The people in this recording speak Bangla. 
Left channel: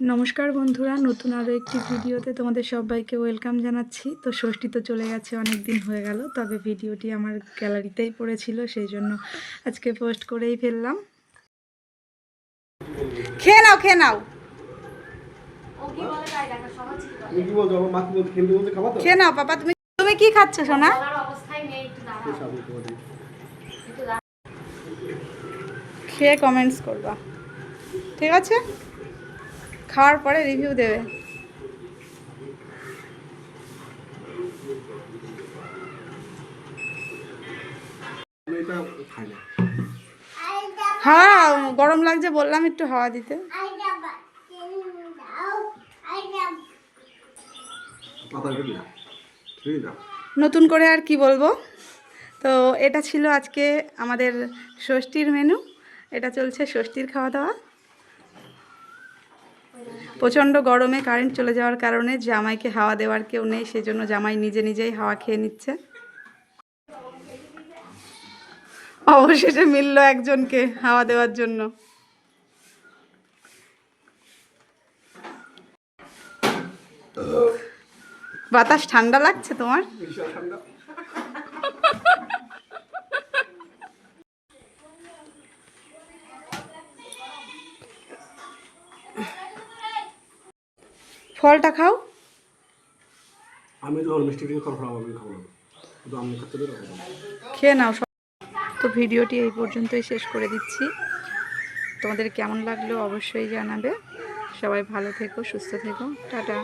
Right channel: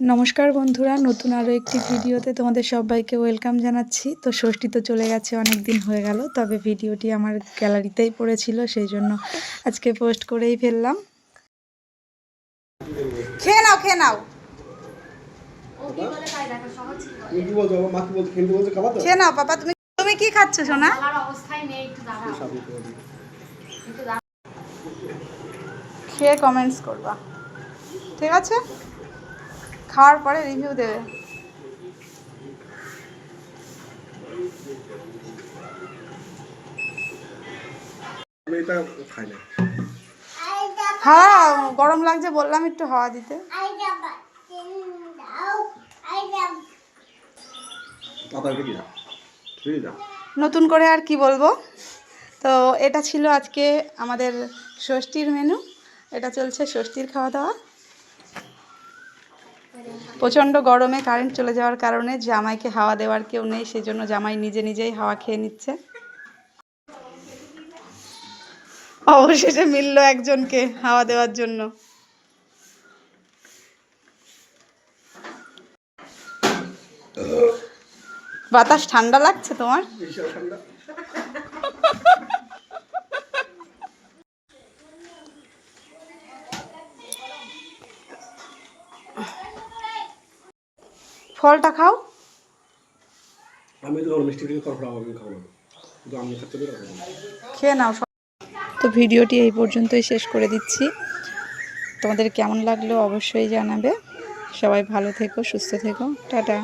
নমস্কার বন্ধুরা, নতুন আরও একটি ভিডিওতে তোমাদের সবাইকে ওয়েলকাম জানাচ্ছি। তো ষষ্ঠী তো চলে গেছে, অনেক দিন হয়ে গেল, তবে ভিডিওটি আমার গ্যালারিতেই পড়েছিল, সেই জন্য আজকে পোস্ট করেই ফেললাম। খেয়ে নাও খেয়ে নাও খেয়ে নাও পাপা। তুমি তুমি কি খাচ্ছ সোনা? খেয়ে কমেন্টস করবা, ঠিক আছে? খাওয়ার পরে রিভিউ দেবে। হ্যাঁ, গরম লাগছে বললাম একটু হাওয়া দিতে। নতুন করে আর কি বলবো। তো এটা ছিল আজকে আমাদের ষষ্ঠীর মেনু। এটা চলছে ষষ্ঠীর খাওয়া দাওয়া। প্রচণ্ড গরমে কারেন্ট চলে যাওয়ার কারণে জামাইকে হাওয়া দেওয়ার কেউ নেই, সেজন্য জামাই নিজে নিজেই হাওয়া খেয়ে নিচ্ছে। অবশেষে মিলল একজনকে হাওয়া দেওয়ার জন্য। বাতাস ঠান্ডা লাগছে তোমার? ফলটা খাও। আমি তো মিষ্টি দিয়ে খাবো না, শুধু আমি খেতে পারি। খেয়ে নাও। তো ভিডিওটি এই পর্যন্তই শেষ করে দিচ্ছি। তোমাদের কেমন লাগলো অবশ্যই জানাবে। সবাই ভালো থেকো, সুস্থ থেকো, টাটা।